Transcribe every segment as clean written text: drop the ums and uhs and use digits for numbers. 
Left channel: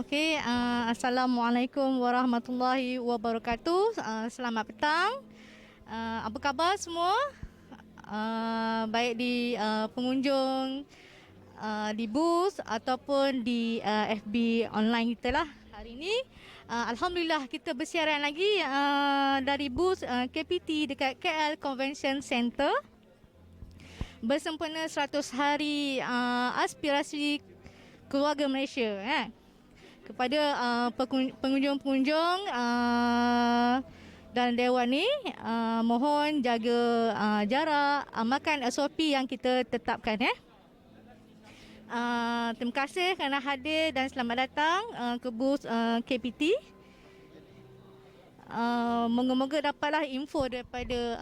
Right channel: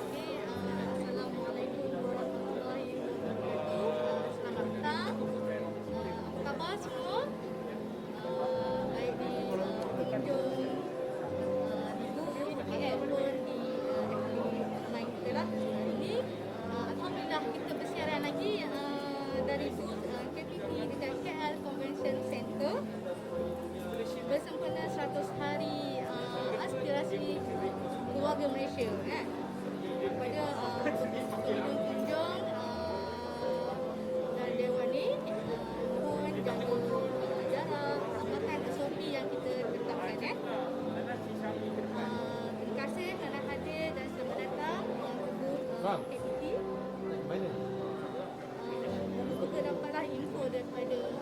Okey, Assalamualaikum warahmatullahi wabarakatuh. Selamat petang. Apa khabar semua? Baik di pengunjung di booth ataupun di FB online kita lah hari ini. Alhamdulillah kita bersiaran lagi dari booth KPT dekat KL Convention Center bersempena 100 hari aspirasi keluarga Malaysia. Pada pengunjung-pengunjung dan dewan ni, mohon jaga jarak, makan SOP yang kita tetapkan. Terima kasih kerana hadir dan selamat datang ke booth KPT. Moga-moga dapatlah info daripada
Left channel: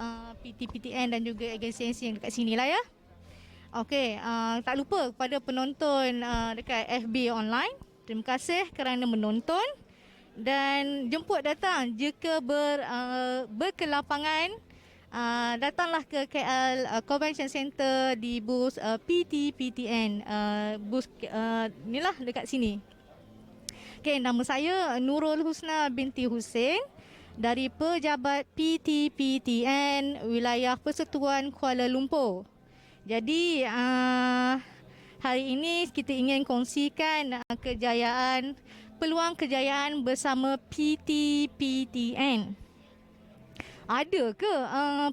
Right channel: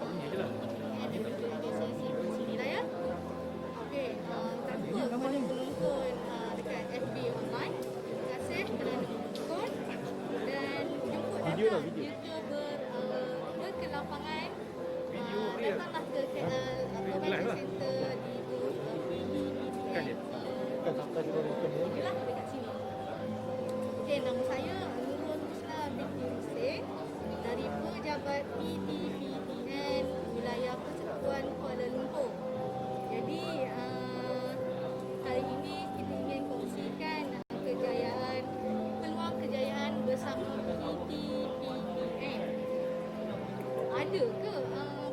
PT-PTN dan juga agensi dekat sini lah ya. Okey, tak lupa kepada penonton dekat FB online, terima kasih kerana menonton dan jemput datang jika berkelapangan. Datanglah ke KL Convention Center di booth PT-PTN, booth inilah dekat sini. Okey, nama saya Nurul Husna binti Hussein dari Pejabat PT-PTN Wilayah Persekutuan Kuala Lumpur. Jadi hari ini kita ingin kongsikan peluang kejayaan bersama PT-PTN. Ada ke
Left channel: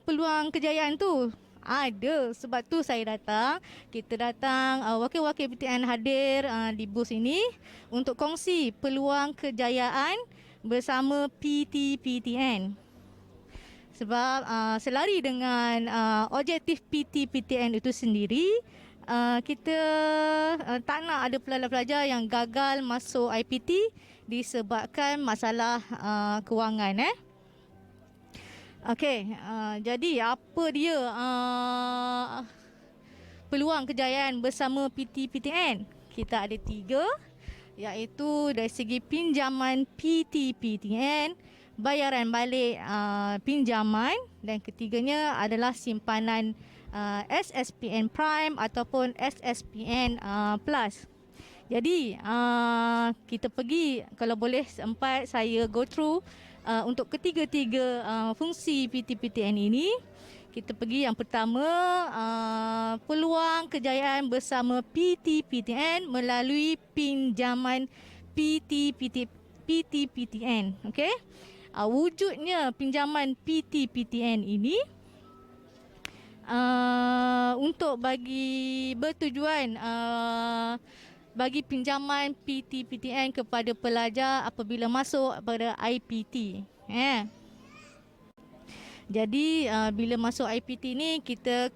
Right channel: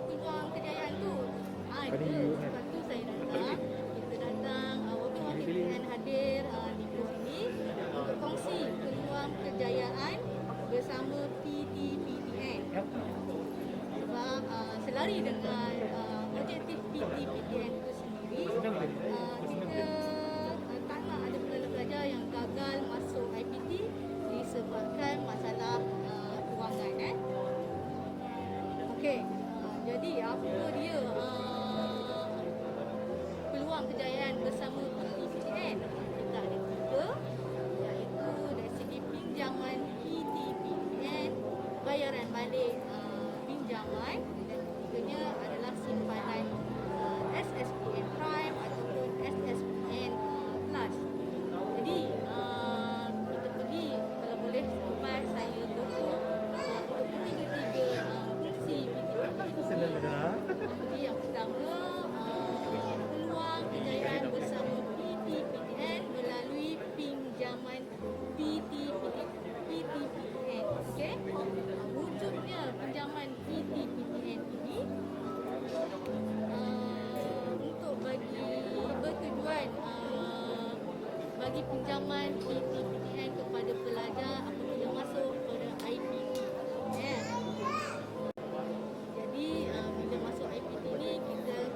peluang kejayaan tu? Ada, sebab tu saya datang. Kita datang, wakil-wakil PTN hadir di booth ini untuk kongsi peluang kejayaan bersama PT-PTN. Sebab selari dengan objektif PT-PTN itu sendiri, kita tak nak ada pelajar-pelajar yang gagal masuk IPT disebabkan masalah kewangan. Okey, jadi apa dia peluang kejayaan bersama PT-PTN? Kita ada 3, iaitu dari segi pinjaman PT-PTN, bayaran balik pinjaman, dan ketiganya adalah simpanan SSPN Prime ataupun SSPN Plus. Jadi kita pergi, kalau boleh sempat saya go through untuk ketiga-tiga fungsi PT-PTN ini. Kita pergi yang pertama, peluang kejayaan bersama PT-PTN melalui pinjaman PT-PTN. Okey. Wujudnya pinjaman PT-PTN ini untuk bagi bertujuan bagi pinjaman PT-PTN kepada pelajar apabila masuk pada IPT. Jadi bila masuk IPT ni, kita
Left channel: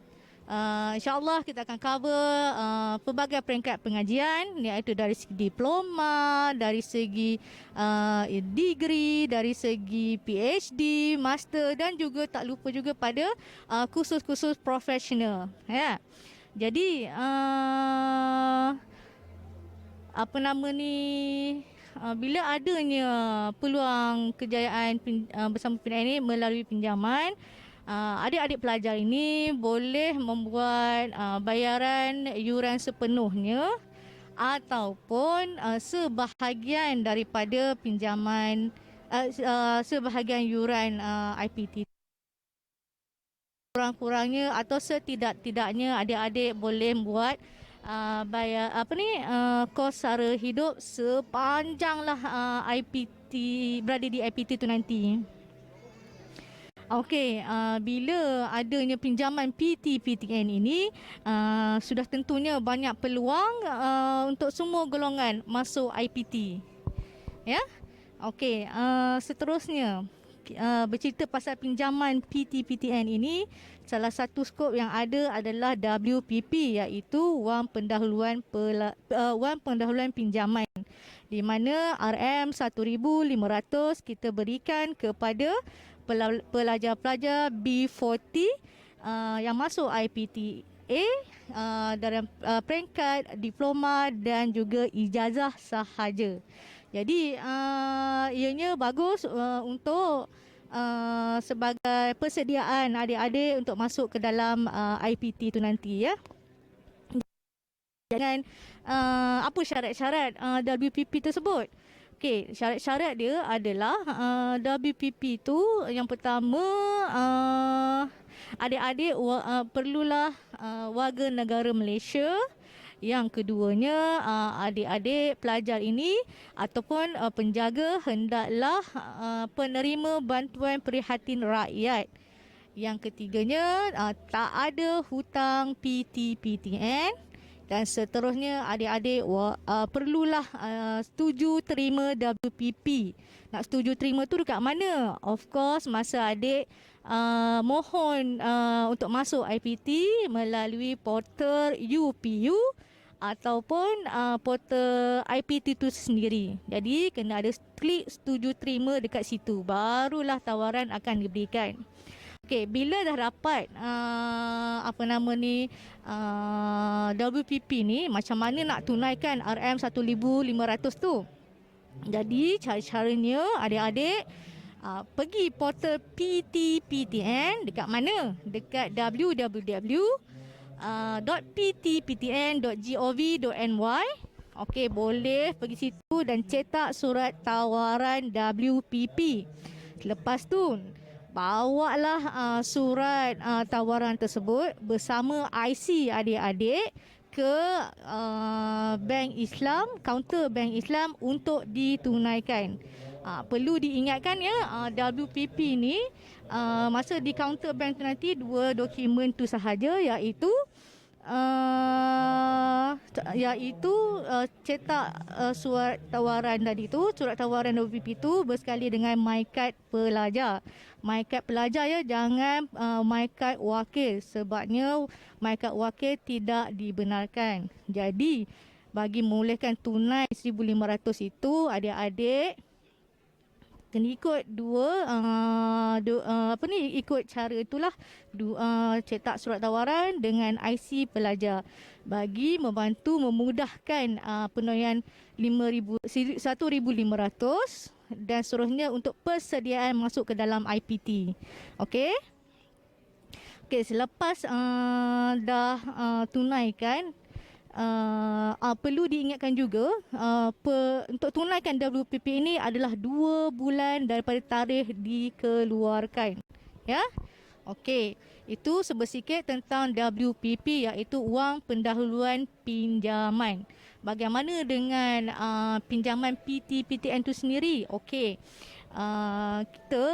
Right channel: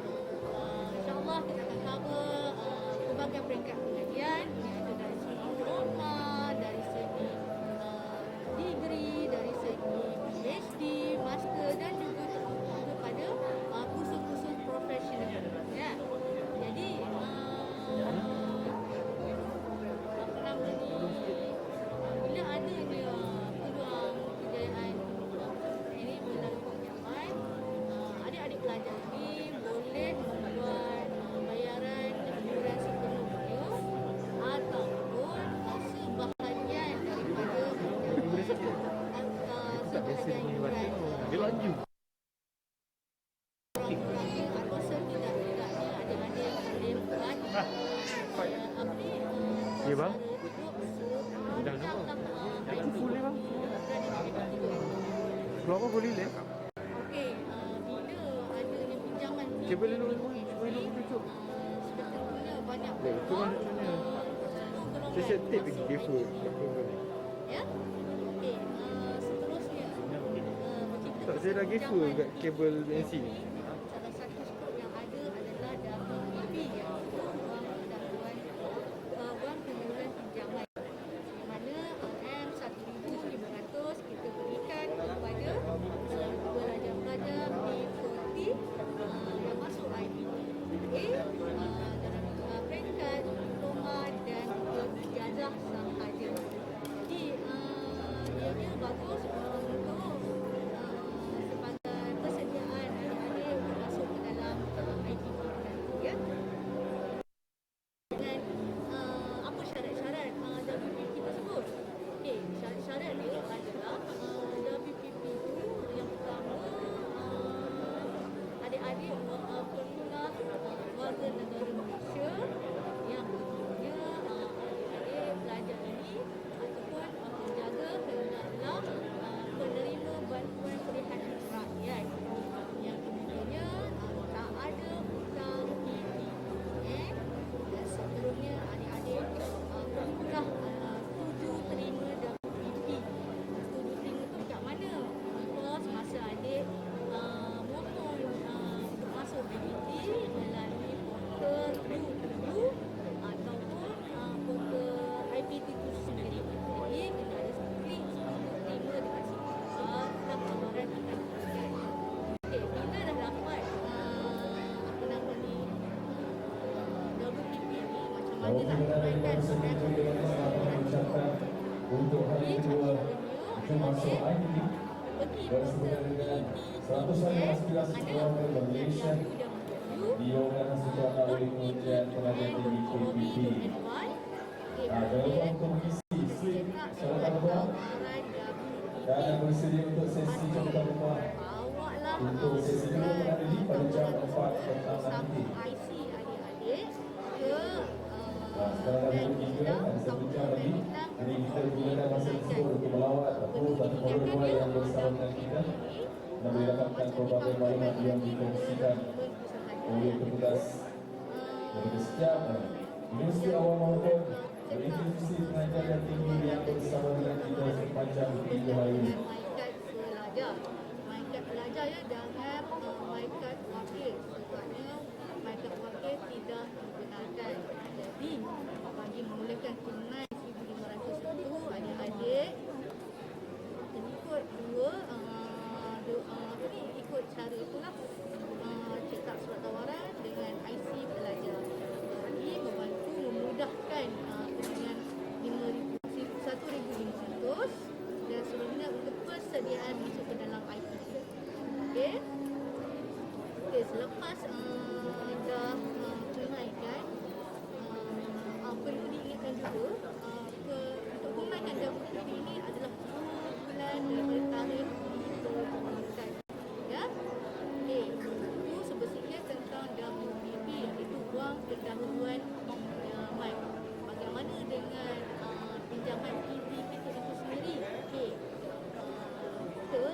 insyaAllah kita akan cover pelbagai peringkat pengajian, iaitu dari segi diploma, dari segi degree, dari segi PhD, master, dan juga tak lupa juga pada kursus-kursus profesional. Jadi bila adanya peluang kejayaan bersama PTN ini melalui pinjaman, adik-adik pelajar ini boleh membuat bayaran yuran sepenuhnya ataupun sebahagian daripada pinjaman, sebahagian yuran IPT. Kurang-kurangnya atau setidak-tidaknya adik-adik boleh buat bayar kos sara hidup sepanjanglah IPT, berada di IPT tu nanti. Berapa boleh lihat? Okey, bila adanya pinjaman PT-PTN ini, sudah tentunya banyak peluang untuk semua golongan masuk IPT. Ya? Okey, seterusnya bercerita pasal pinjaman PT-PTN ini, salah satu skop yang ada adalah WPP, iaitu Wang Pendahuluan Pinjaman, di mana RM1,500 kita berikan kepada pelajar-pelajar B40 yang masuk IPTA dalam peringkat diploma dan juga ijazah sahaja. Jadi ianya bagus untuk sebagai persediaan adik-adik untuk masuk ke dalam IPT tu nanti, ya. Dan apa syarat-syarat WPP tersebut? Okey, syarat-syarat dia adalah WPP tu yang pertama, adik-adik perlulah warga negara Malaysia. Yang keduanya, adik-adik pelajar ini ataupun penjaga hendaklah penerima bantuan prihatin rakyat. Yang ketiganya, tak ada hutang PT-PTN. Dan seterusnya, adik-adik perlulah setuju terima WPP. Nak setuju terima tu dekat mana? Of course, masa adik mohon untuk masuk IPT melalui portal UPU ataupun portal IPT itu sendiri. Jadi kena ada klik setuju terima dekat situ, barulah tawaran akan diberikan. Okey, bila dah dapat WPP ni, macam mana nak tunaikan RM1,500 tu? Jadi cara-caranya adik-adik pergi portal PT-PTN dekat mana? Dekat www.pt-ptn.gov.my. Okey, boleh pergi situ dan cetak surat tawaran WPP. Lepas tu, bawalah surat tawaran tersebut bersama IC adik-adik ke Bank Islam, kaunter Bank Islam untuk ditunaikan. Perlu diingatkan ya, WPP ni masa di kaunter bank nanti dua dokumen tu sahaja, iaitu cetak surat tawaran tadi tu, surat tawaran WPP tu bersekali dengan MyKad pelajar. MyKad pelajar ya, jangan MyKad wakil, sebabnya MyKad wakil tidak dibenarkan. Jadi bagi membolehkan tunai 1,500 itu, adik-adik kena ikut ikut cara itulah, cetak surat tawaran dengan IC pelajar bagi membantu memudahkan penuaian 1,500 dan seterusnya untuk persediaan masuk ke dalam IPT. Okey. Okey, selepas dah tunaikan, perlu diingatkan juga untuk tunaikan WPP ini adalah 2 bulan daripada tarikh dikeluarkan. Ya. Okey, itu sebersikit tentang WPP, iaitu wang pendahuluan pinjaman. Bagaimana dengan pinjaman PT-PTN itu sendiri? Okey, kita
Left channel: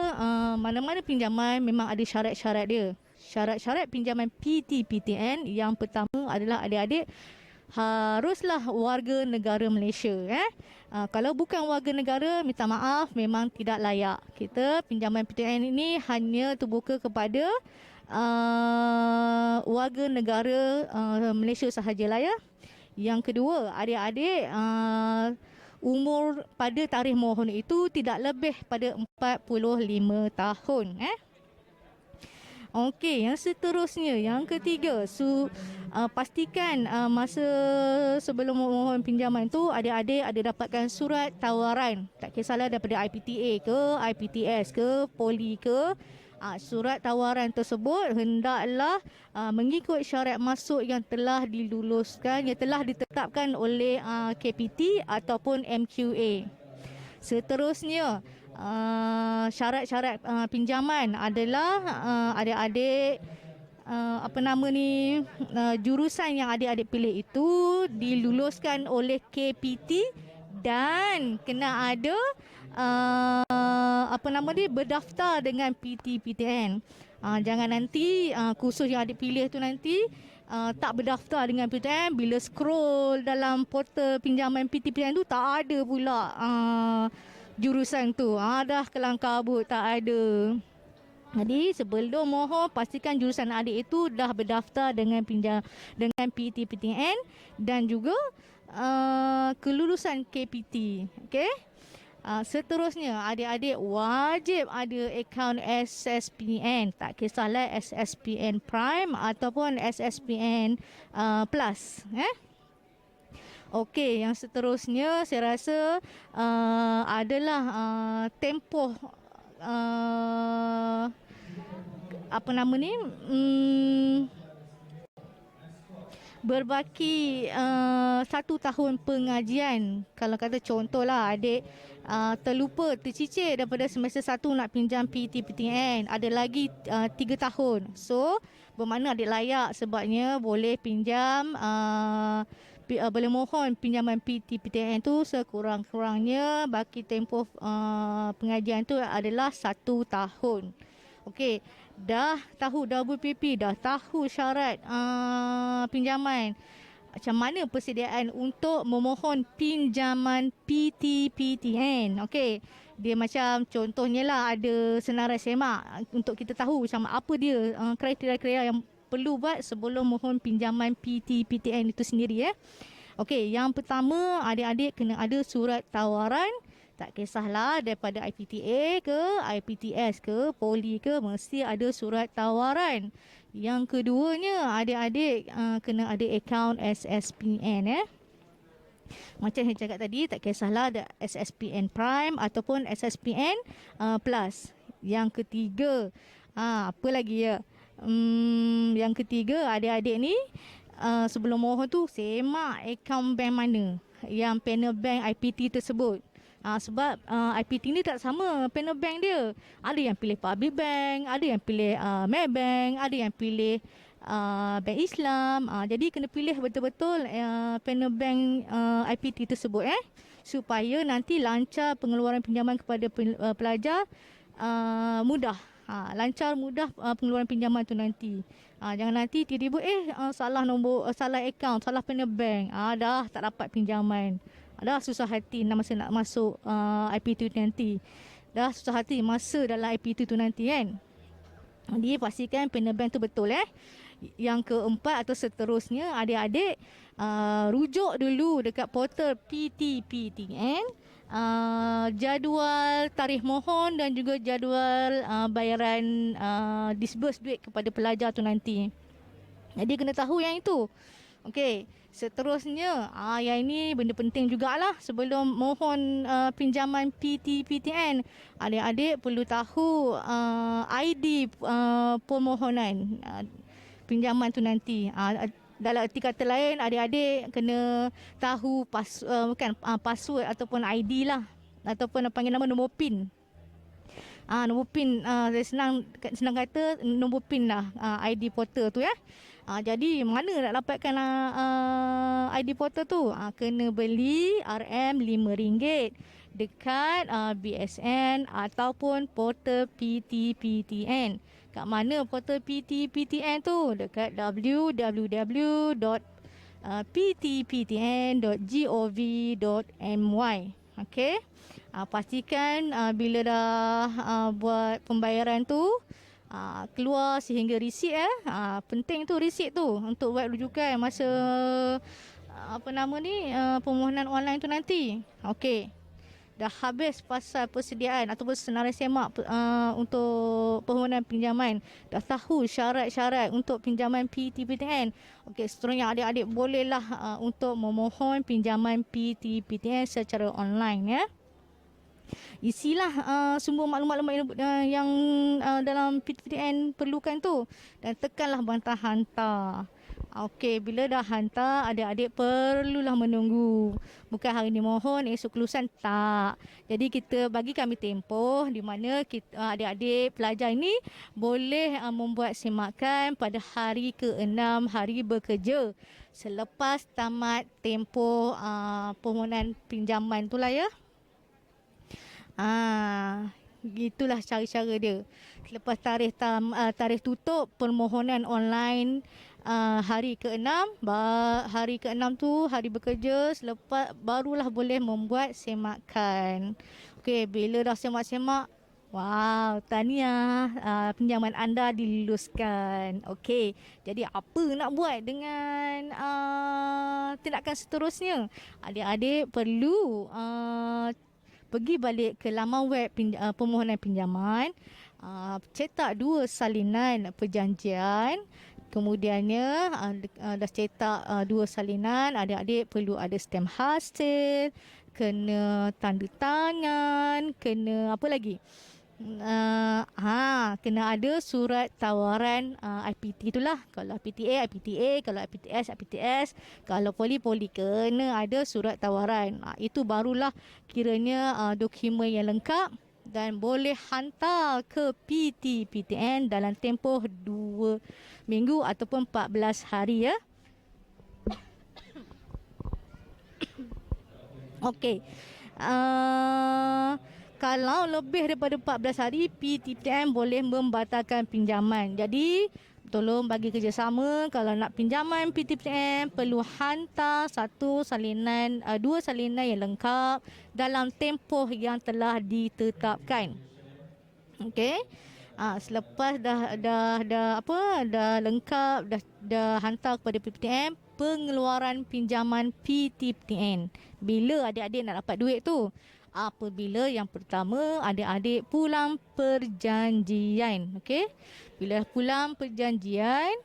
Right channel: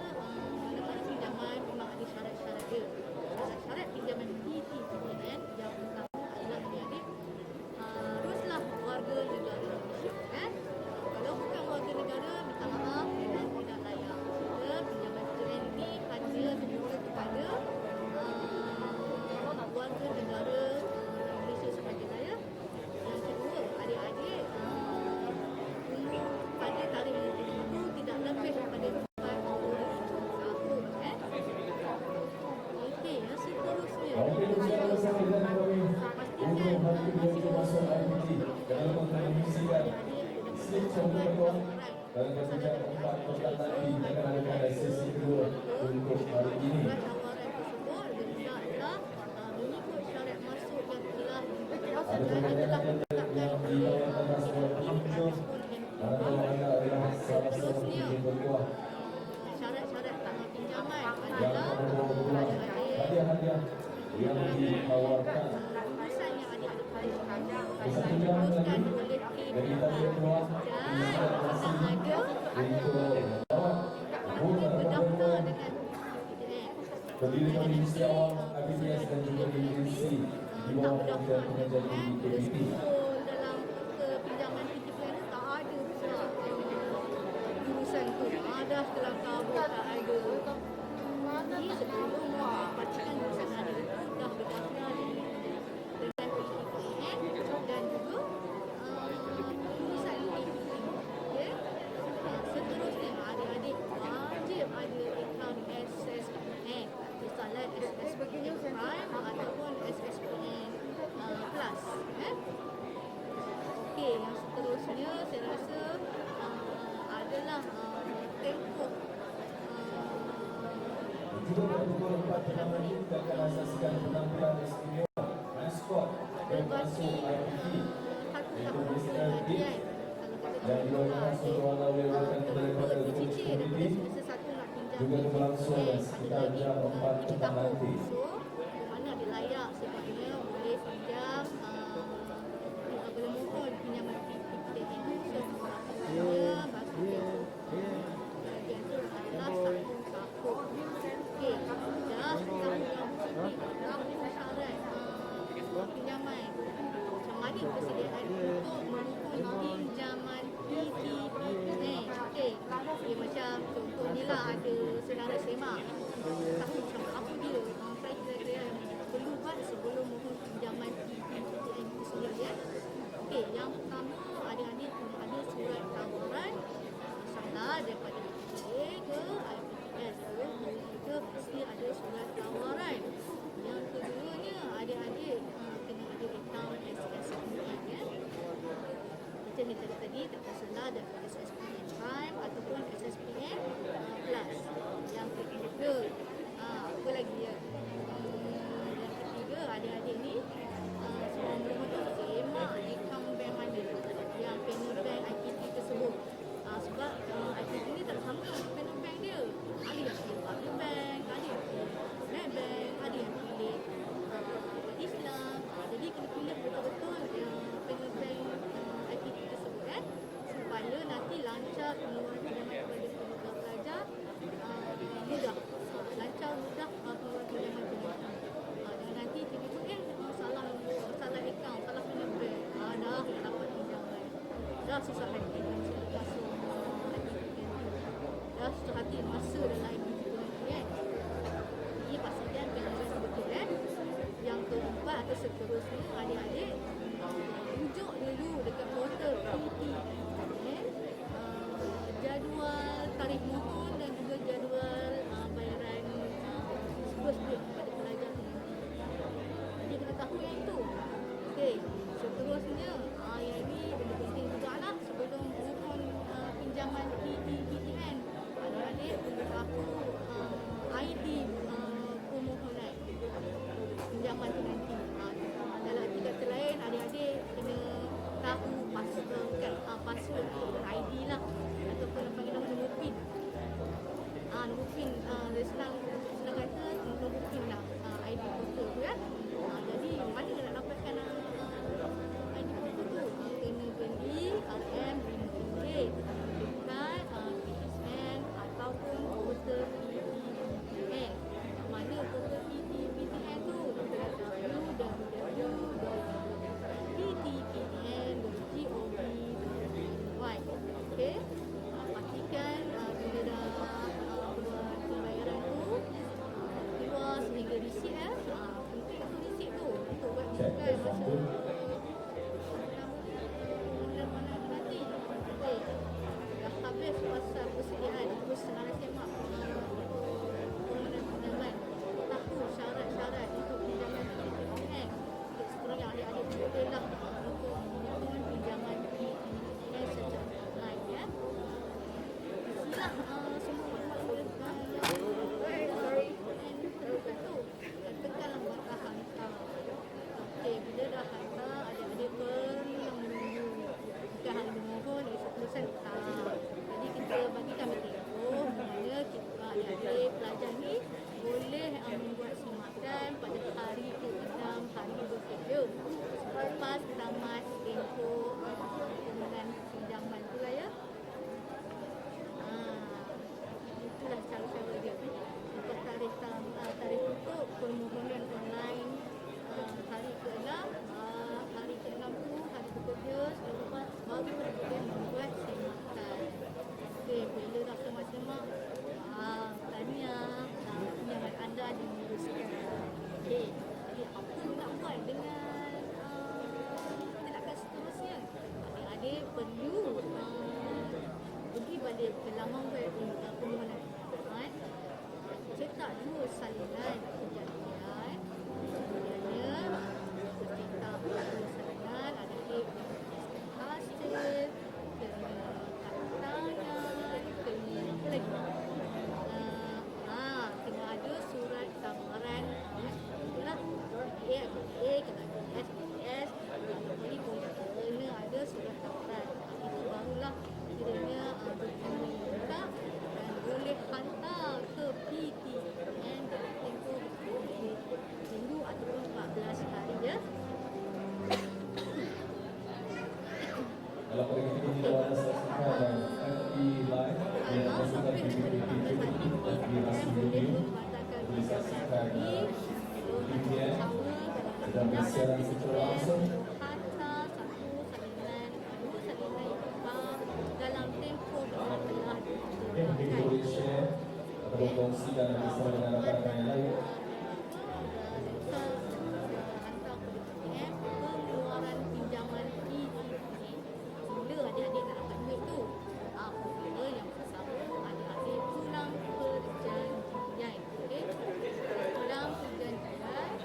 mana-mana pinjaman memang ada syarat-syarat dia. Syarat-syarat pinjaman PT-PTN yang pertama adalah adik-adik haruslah warga negara Malaysia. Kalau bukan warga negara, minta maaf, memang tidak layak. Kita pinjaman PTN ini hanya terbuka kepada warga negara Malaysia sahajalah ya. Yang kedua, adik-adik umur pada tarikh mohon itu tidak lebih pada 45 tahun. Okey, yang seterusnya, yang ketiga, pastikan masa sebelum memohon pinjaman tu adik-adik ada dapatkan surat tawaran. Tak kisahlah daripada IPTA ke, IPTS ke, Poli ke. Surat tawaran tersebut hendaklah mengikut syarat masuk yang telah diluluskan, yang telah ditetapkan oleh KPT ataupun MQA. Seterusnya, syarat-syarat pinjaman adalah adik-adik jurusan yang adik-adik pilih itu diluluskan oleh KPT dan kena ada berdaftar dengan PT-PTN. Jangan nanti kursus yang adik pilih tu nanti tak berdaftar dengan PTN, bila scroll dalam portal pinjaman PT-PTN tu tak ada pula jurusan tu, dah kelang kabut, tak ada. Jadi sebelum mohon, pastikan jurusan adik itu dah berdaftar dengan PT-PTN dan juga kelulusan KPT. Okey. Seterusnya, adik-adik wajib ada akaun SSPN. Tak kisahlah SSPN Prime ataupun SSPN Plus. Okey, yang seterusnya saya rasa adalah tempoh berbaki 1 tahun pengajian. Kalau kata contohlah adik terlupa, tercicir daripada semester 1 nak pinjam PTPTN, ada lagi 3 tahun. So bermakna adik layak sebabnya boleh pinjam boleh mohon pinjaman PTPTN tu sekurang-kurangnya bagi tempoh pengajian tu adalah 1 tahun. Okey, dah tahu WPP, dah tahu syarat pinjaman. Macam mana persediaan untuk memohon pinjaman PTPTN? Okey, dia macam contohnya lah ada senarai semak untuk kita tahu macam apa dia kriteria-kriteria yang perlu buat sebelum mohon pinjaman PTPTN itu sendiri. Okey, yang pertama adik-adik kena ada surat tawaran. Tak kisahlah daripada IPTA ke, IPTS ke, Poli ke, mesti ada surat tawaran. Yang keduanya, adik-adik kena ada akaun SSPN. Macam saya cakap tadi, tak kisahlah ada SSPN Prime ataupun SSPN Plus. Yang ketiga, apa lagi ya? Yang ketiga, adik-adik ni sebelum mohon tu semak akaun bank mana yang panel bank IPT tersebut. Sebab IPT ni tak sama panel bank dia. Ada yang pilih Public Bank, ada yang pilih Maybank, ada yang pilih Bank Islam. Jadi kena pilih betul-betul panel bank IPT tersebut supaya nanti lancar pengeluaran pinjaman kepada pelajar, mudah. Lancar mudah pengeluaran pinjaman tu nanti. Jangan nanti tiba-tiba salah nombor, salah akaun, salah panel bank. Dah tak dapat pinjaman. Dah susah hati masa nak masuk IPT tu nanti. Dah susah hati masa dalam IPT tu nanti kan. Jadi pastikan panel bank tu betul. Yang keempat atau seterusnya, adik-adik rujuk dulu dekat portal PTPTN, jadual tarikh mohon dan juga jadual bayaran disburse duit kepada pelajar tu nanti. Jadi kena tahu yang itu. Okey, seterusnya yang ini benda penting jugalah sebelum mohon pinjaman PTPTN. Adik-adik perlu tahu ID permohonan pinjaman tu nanti. Dalam erti kata lain, adik-adik kena tahu password ataupun ID lah, ataupun panggil nama nombor PIN. Nombor PIN, senang kata nombor PIN lah ID portal tu jadi mana nak dapatkan ID portal tu? Kena beli RM5 dekat BSN ataupun portal PTPTN. Kat mana portal PTPTN tu? Dekat www.ptptn.gov.my. Okey. Pastikan bila dah buat pembayaran tu keluar sehingga resit penting tu resit tu untuk buat rujukan masa permohonan online tu nanti. Okey. Dah habis pasal persediaan ataupun senarai semak untuk permohonan pinjaman. Dah tahu syarat-syarat untuk pinjaman PTPTN. Okey, seterusnya adik-adik bolehlah untuk memohon pinjaman PTPTN secara online Isilah semua maklumat-maklumat yang dalam PTPTN perlukan tu dan tekanlah bantah hantar. Okey, bila dah hantar, adik-adik perlulah menunggu. Bukan hari ni mohon, esok kelulusan, tak. Jadi kita bagi kami tempoh di mana adik-adik pelajar ini boleh membuat semakan pada hari ke-6 hari bekerja selepas tamat tempoh permohonan pinjaman tu lah Gitulah cara-cara dia. Lepas tarikh tutup permohonan online hari ke-6, hari ke-6 tu hari bekerja, selepas barulah boleh membuat semakan. Okey, bila dah semak-semak, wow, tahniah, pinjaman anda diluluskan. Okey, jadi apa nak buat dengan tindakan seterusnya? Adik-adik perlu pergi balik ke laman web permohonan pinjaman, cetak 2 salinan perjanjian. Kemudiannya dah cetak 2 salinan, adik-adik perlu ada stem hasil, kena tanda tangan, kena apa lagi? kena ada surat tawaran IPT itulah. Kalau PTA, IPTA, kalau IPTS, IPTS, kalau poli kena ada surat tawaran. Itu barulah kiranya dokumen yang lengkap dan boleh hantar ke PT-PTN dalam tempoh 2 minggu ataupun 14 hari ya. Okey. Kalau lebih daripada 14 hari, PTPTN boleh membatalkan pinjaman. Jadi, tolong bagi kerjasama. Kalau nak pinjaman PTPTN, perlu hantar dua salinan yang lengkap dalam tempoh yang telah ditetapkan. Okey. Selepas dah lengkap, dah hantar kepada PTPTN, pengeluaran pinjaman PTPTN. Bila adik-adik nak dapat duit tu? Apabila yang pertama adik-adik pulang perjanjian. Okey. Bila pulang perjanjian,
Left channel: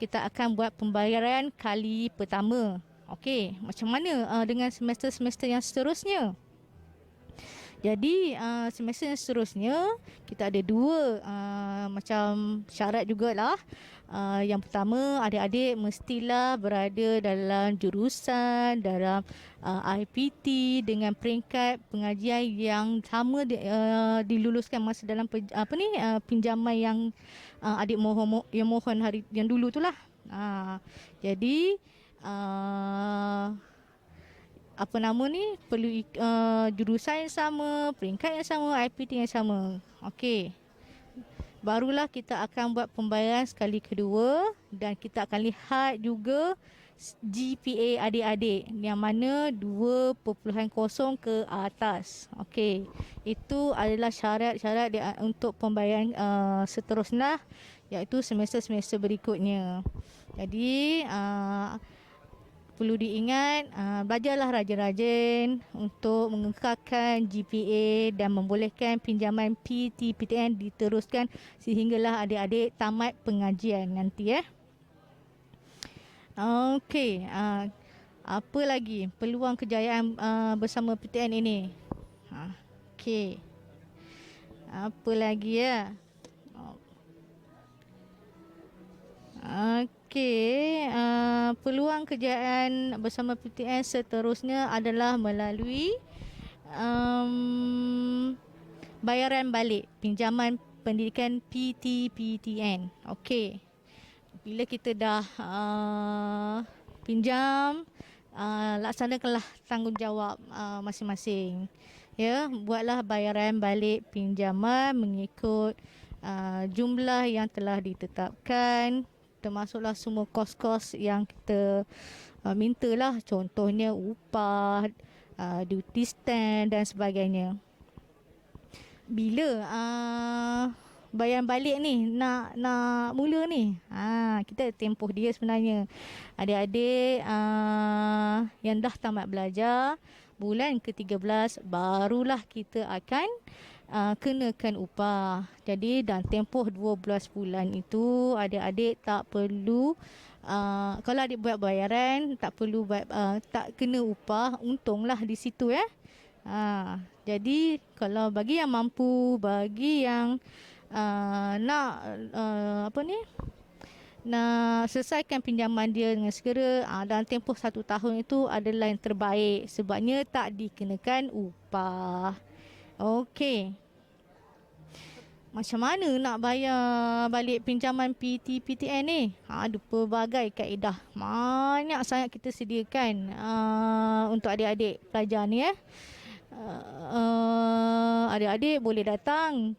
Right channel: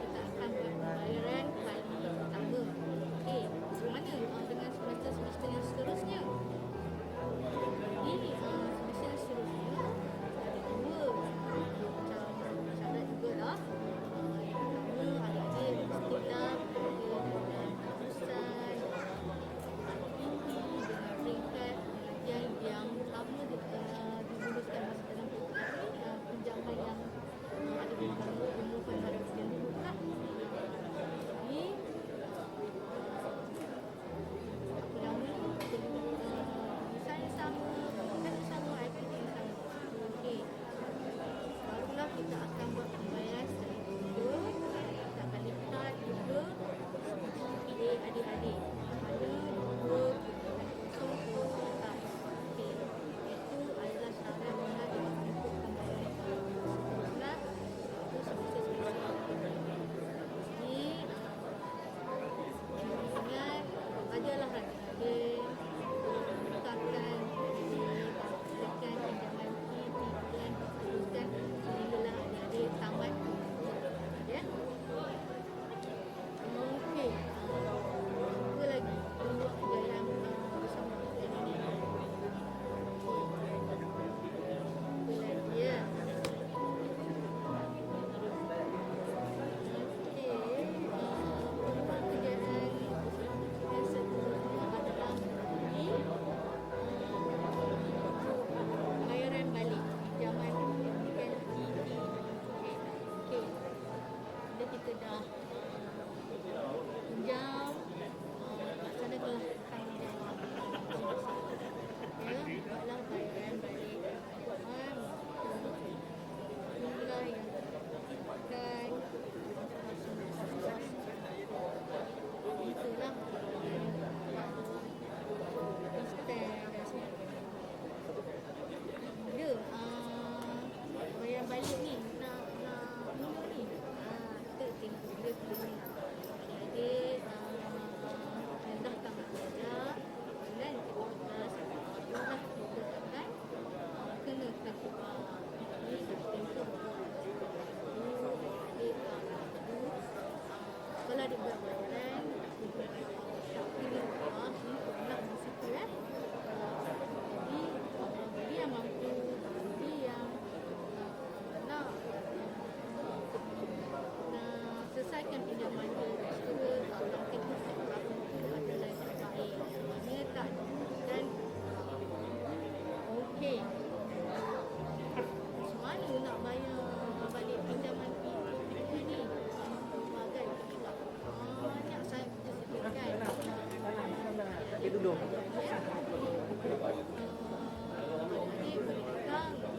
kita akan buat pembayaran kali pertama. Okey, macam mana dengan semester-semester yang seterusnya? Jadi semester yang seterusnya kita ada dua macam syarat jugalah. Yang pertama, adik-adik mestilah berada dalam jurusan, dalam IPT dengan peringkat pengajian yang sama diluluskan masa dalam pinjaman yang adik mohon hari yang dulu itulah. Jadi perlu jurusan yang sama, peringkat yang sama, IPT yang sama. Okey. Barulah kita akan buat pembayaran sekali kedua dan kita akan lihat juga GPA adik-adik yang mana 2.0 ke atas. Okey. Itu adalah syarat-syarat untuk pembayaran seterusnya, iaitu semester-semester berikutnya. Jadi perlu diingat, belajarlah rajin-rajin untuk mengekalkan GPA dan membolehkan pinjaman PT-PTN diteruskan sehinggalah adik-adik tamat pengajian nanti ya. Okey, apa lagi peluang kejayaan bersama PTN ini? Okey, apa lagi ya? Okey, peluang kejayaan bersama PTN seterusnya adalah melalui bayaran balik pinjaman pendidikan PT-PTN. Okey, bila kita dah pinjam, laksanakanlah tanggungjawab masing-masing. Ya, buatlah bayaran balik pinjaman mengikut jumlah yang telah ditetapkan, termasuklah semua kos-kos yang kita mintalah, contohnya upah, duty stand dan sebagainya. Bila bayaran balik ni nak mula ni, kita tempoh dia sebenarnya. Adik-adik yang dah tamat belajar, bulan ke-13 barulah kita akan kenakan upah. Jadi dalam tempoh 12 bulan itu adik-adik tak perlu kalau adik buat bayaran tak perlu tak kena upah, untunglah di situ ya. Jadi kalau bagi yang mampu, bagi yang nak nak selesaikan pinjaman dia dengan segera, dalam tempoh 1 tahun itu adalah yang terbaik, sebabnya tak dikenakan upah. Okey. Macam mana nak bayar balik pinjaman PT-PTN ni? Ada pelbagai kaedah. Banyak sangat kita sediakan untuk adik-adik pelajar ni ya. Adik-adik boleh datang.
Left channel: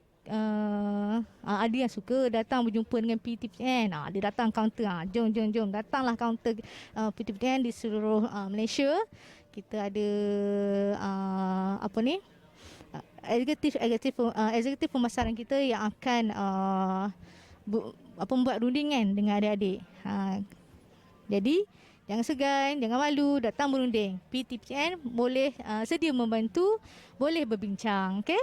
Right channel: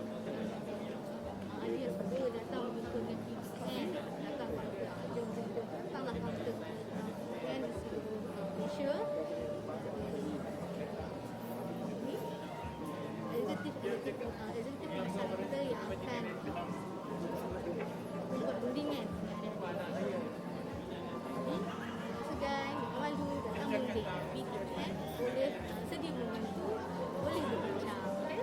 Ada yang suka datang berjumpa dengan PT-PTN. Dia datang kaunter. Jom. Datanglah kaunter PT-PTN di seluruh Malaysia. Kita ada eksekutif pemasaran kita yang akan membuat rundingan dengan adik-adik. Jadi jangan segan, jangan malu, datang berunding. PT-PTN boleh sedia membantu, boleh berbincang, okey?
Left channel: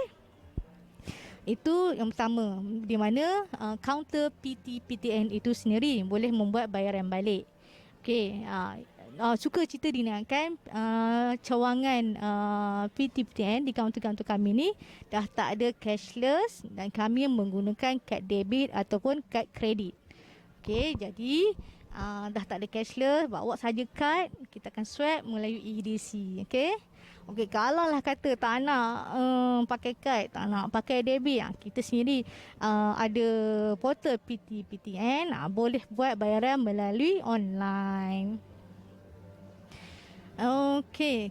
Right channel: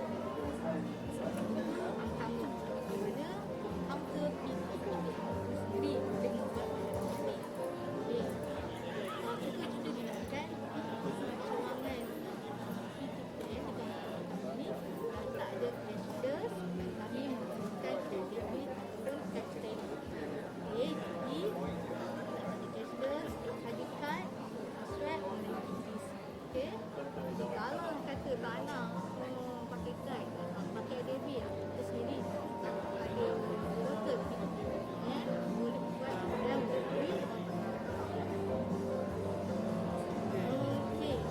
Itu yang pertama, di mana kaunter PT-PTN itu sendiri boleh membuat bayaran balik. Okey, suka cita dinaikkan cawangan PTPTN di kaunter-kaunter kami ni dah tak ada cashless dan kami menggunakan kad debit ataupun kad kredit. Okey, jadi dah tak ada cashless, bawa saja kad, kita akan swipe melalui EDC. Okey. Okey, kalau lah kata tak nak pakai kad, tak nak pakai debit, kita sendiri ada portal PTPTN, boleh buat bayaran melalui online. Okey.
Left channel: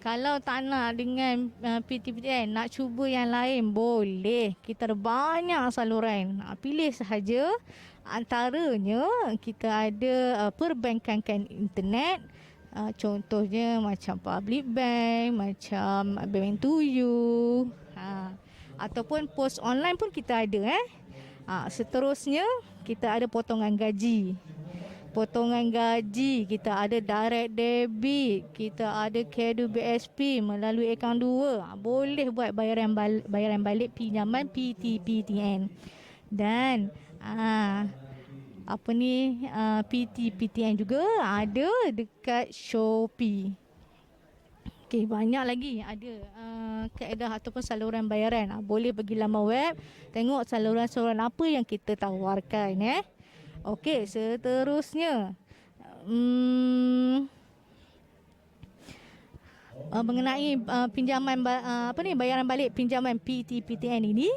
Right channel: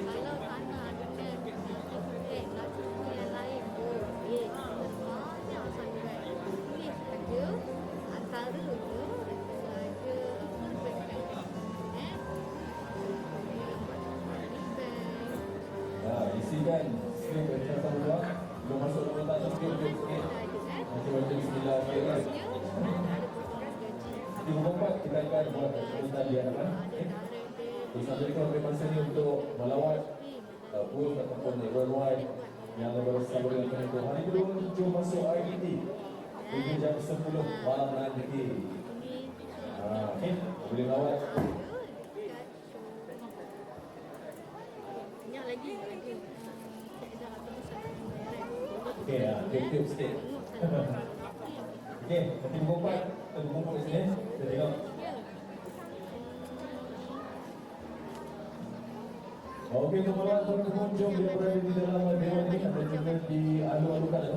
Kalau tak nak dengan PTPTN, nak cuba yang lain, boleh. Kita ada banyak saluran. Pilih sahaja. Antaranya kita ada perbankan internet. Contohnya macam Public Bank, macam Bank to You, ataupun pos online pun kita ada. Seterusnya kita ada potongan gaji. Potongan gaji kita ada direct debit, kita ada Kedu BSP melalui akaun 2. Boleh buat bayaran balik pinjaman PTPTN. Dan PTPTN juga ada dekat Shopee. Okey, banyak lagi ada kaedah ataupun saluran bayaran. Boleh pergi laman web, tengok saluran-saluran apa yang kita tawarkan. Okey, seterusnya mengenai pinjaman bayaran balik pinjaman PTPTN ini,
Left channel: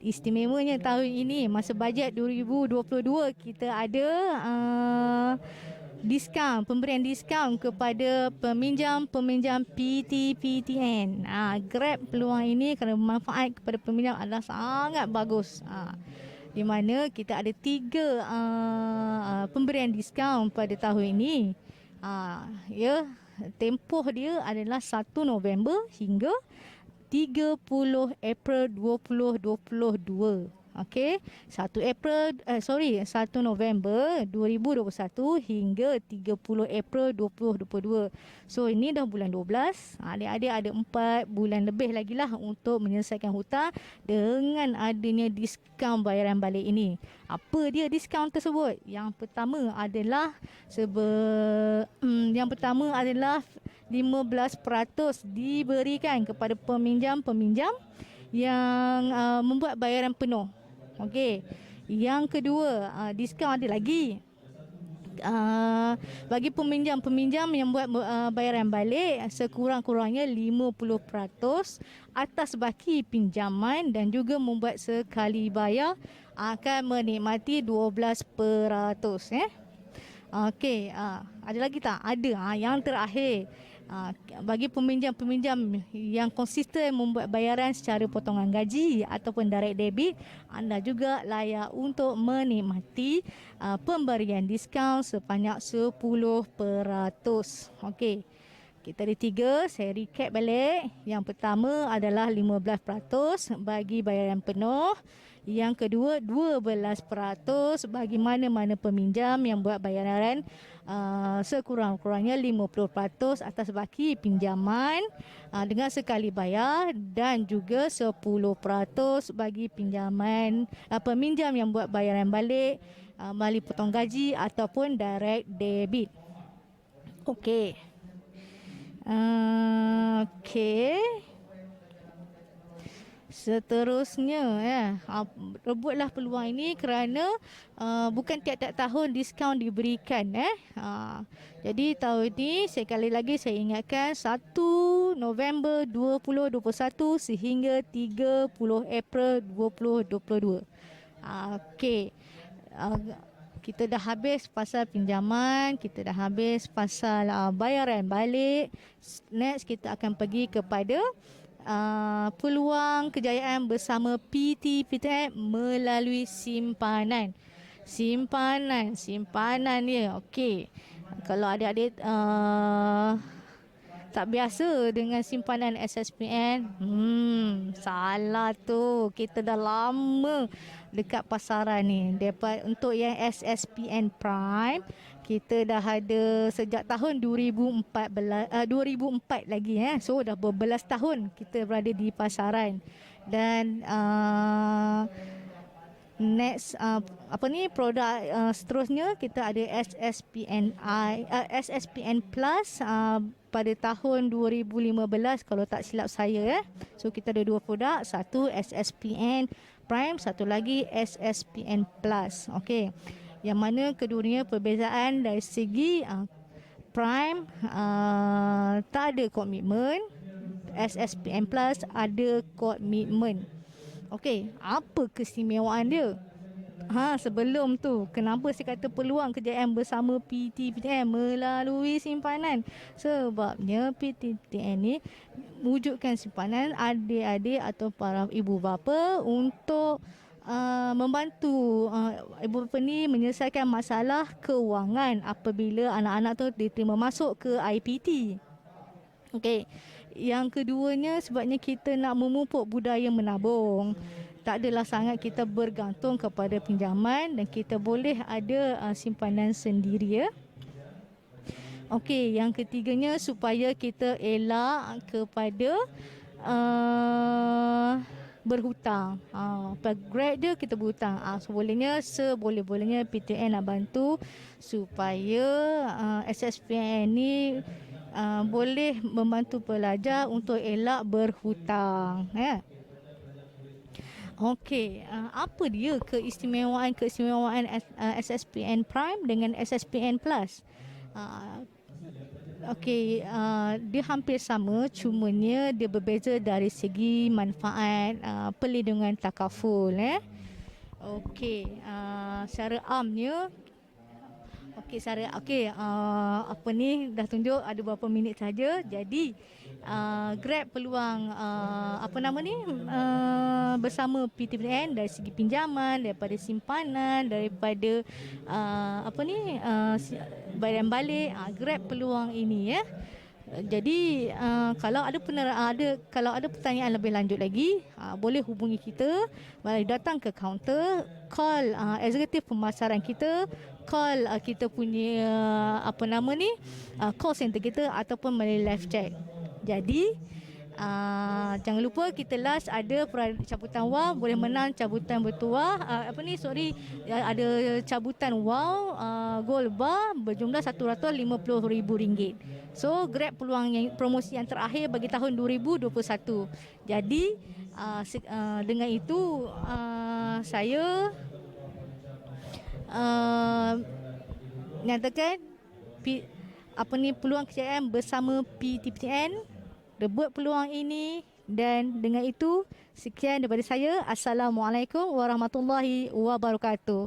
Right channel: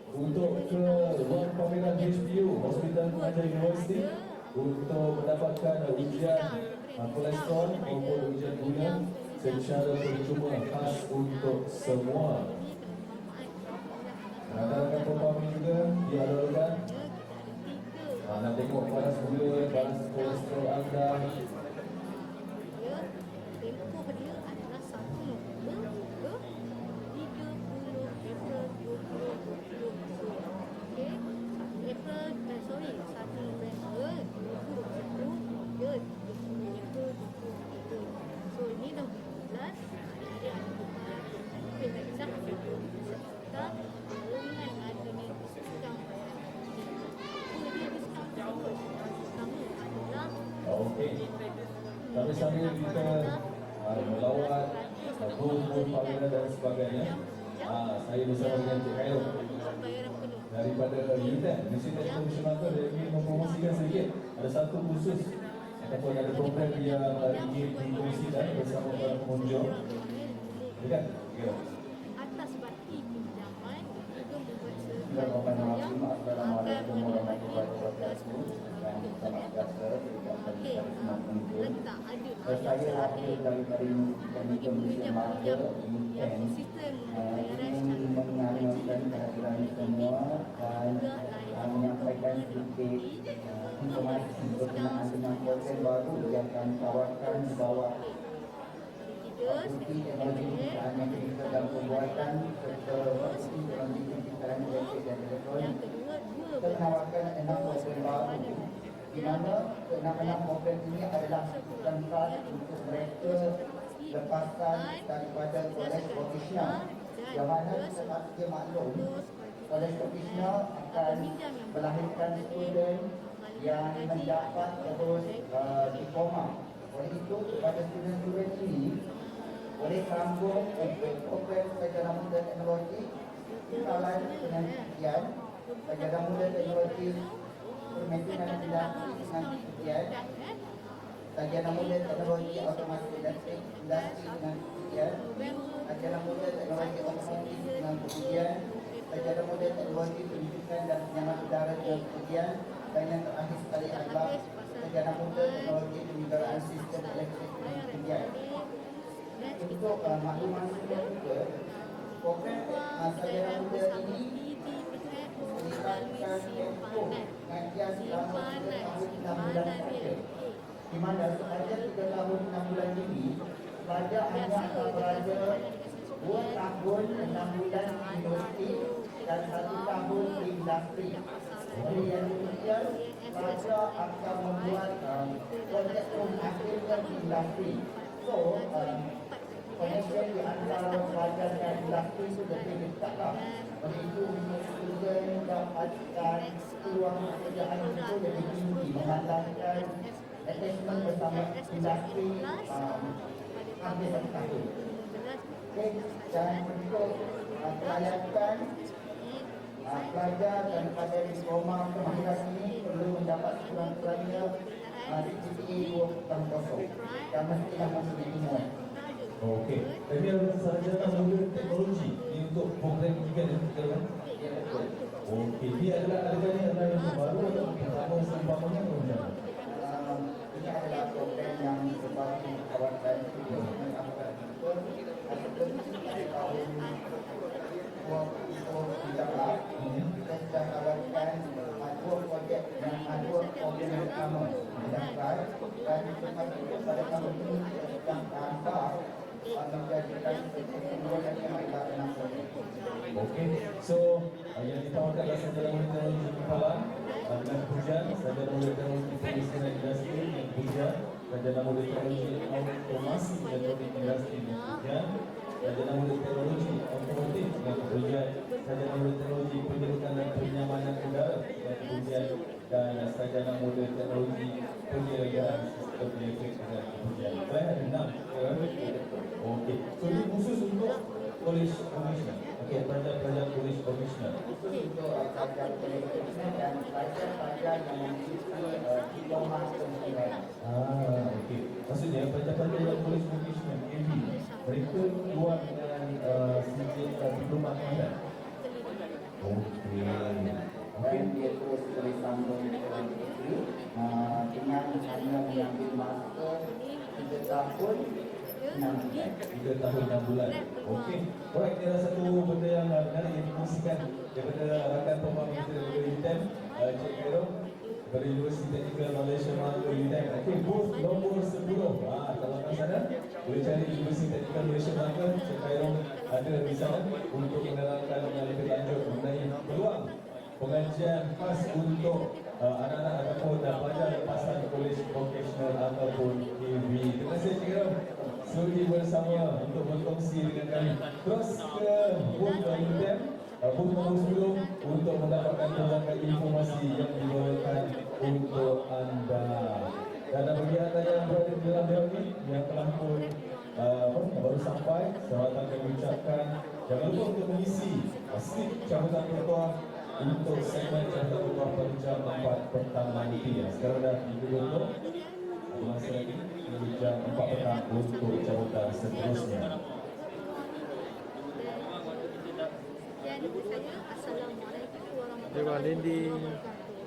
istimewanya tahun ini masa bajet 2022 kita ada pemberian diskaun kepada peminjam PTPTN. Grab peluang ini kerana manfaat kepada peminjam adalah sangat bagus. Di mana kita ada 3 pemberian diskaun pada tahun ini. Tempoh dia adalah 1 November hingga 30 April 2022. Okey, 1 November 2021 hingga 30 April 2022. So ini dah bulan 12. Adik-adik ada 4 bulan lebih lagi lah untuk menyelesaikan hutang dengan adanya diskaun bayaran balik ini. Apa dia diskaun tersebut? Yang pertama adalah 15% diberikan kepada peminjam-peminjam yang membuat bayaran penuh. Okey. Yang kedua, diskaun ada lagi. Bagi peminjam-peminjam yang buat bayaran balik sekurang-kurangnya 50% atas baki pinjaman dan juga membuat sekali bayar akan menikmati 12%. Okey, ada lagi tak? Ada. Yang terakhir, bagi peminjam-peminjam yang konsisten membuat bayaran secara potongan gaji ataupun direct debit, anda juga layak untuk menikmati pemberian diskaun sebanyak 10%. Okey. Kita ada 3, saya recap balik. Yang pertama adalah 15% bagi bayaran penuh. Yang kedua 12% bagi mana-mana peminjam yang buat bayaran sekurang-kurangnya 50% atas baki pinjaman dengan sekali bayar, dan juga 10% bagi peminjam yang buat bayaran balik melalui potong gaji ataupun direct debit. Okey. Seterusnya rebutlah peluang ini kerana bukan tiap-tiap tahun diskaun diberikan. Jadi tahun ini sekali lagi saya ingatkan 1 November 2021 sehingga 30 April 2022. Okey. Kita dah habis pasal pinjaman, kita dah habis pasal bayaran balik. Next kita akan pergi kepada peluang kejayaan bersama PTPTN melalui simpanan. Simpanan ni okey. Kalau adik-adik tak biasa dengan simpanan SSPN, salah tu. Kita dah lama dekat pasaran ni. Untuk yang SSPN Prime, kita dah ada sejak tahun 2004 lagi. So dah berbelas tahun kita berada di pasaran. Dan Next produk seterusnya kita ada SSPN Plus pada tahun 2015 kalau tak silap saya ya. So kita ada dua produk, satu SSPN Prime, satu lagi SSPN Plus. Okey. Yang mana keduanya perbezaan dari segi Prime tak ada komitmen, SSPN Plus ada komitmen. Okey, apa keistimewaan dia? Sebelum tu, kenapa saya kata peluang kejayaan bersama PTPTN melalui simpanan? Sebabnya PTPTN ni wujudkan simpanan adik-adik atau para ibu bapa untuk membantu ibu bapa ni menyelesaikan masalah kewangan apabila anak-anak tu diterima masuk ke IPT. Okey. Yang keduanya sebabnya kita nak memupuk budaya menabung. Tak adalah sangat kita bergantung kepada pinjaman dan kita boleh ada simpanan sendiri ya. Okey, yang ketiganya supaya kita elak kepada berhutang. Grab dia kita berhutang. Seboleh-bolehnya PTN nak bantu supaya SSPN ni boleh membantu pelajar untuk elak berhutang ya. Okey, apa dia keistimewaan SSPN Prime dengan SSPN Plus? Okey, dia hampir sama, cumanya dia berbeza dari segi manfaat perlindungan takaful ya. Okey, secara amnya apa ni dah tunjuk ada beberapa minit saja. Jadi Grab peluang bersama PTPN dari segi pinjaman, daripada simpanan, daripada bayaran balik, Grab peluang ini ya. Jadi kalau ada pertanyaan lebih lanjut lagi, boleh hubungi kita, mari datang ke kaunter, call eksekutif pemasaran kita, call kita punya call center kita ataupun melalui live chat. Jadi jangan lupa kita last ada cabutan wang, boleh menang cabutan bertuah ada cabutan wang gold bar berjumlah RM150,000. So Grab peluang promosi yang terakhir bagi tahun 2021. Jadi dengan itu saya nyatakan peluang kejayaan bersama PTPTN, rebut peluang ini. Dan dengan itu sekian daripada saya. Assalamualaikum warahmatullahi wabarakatuh.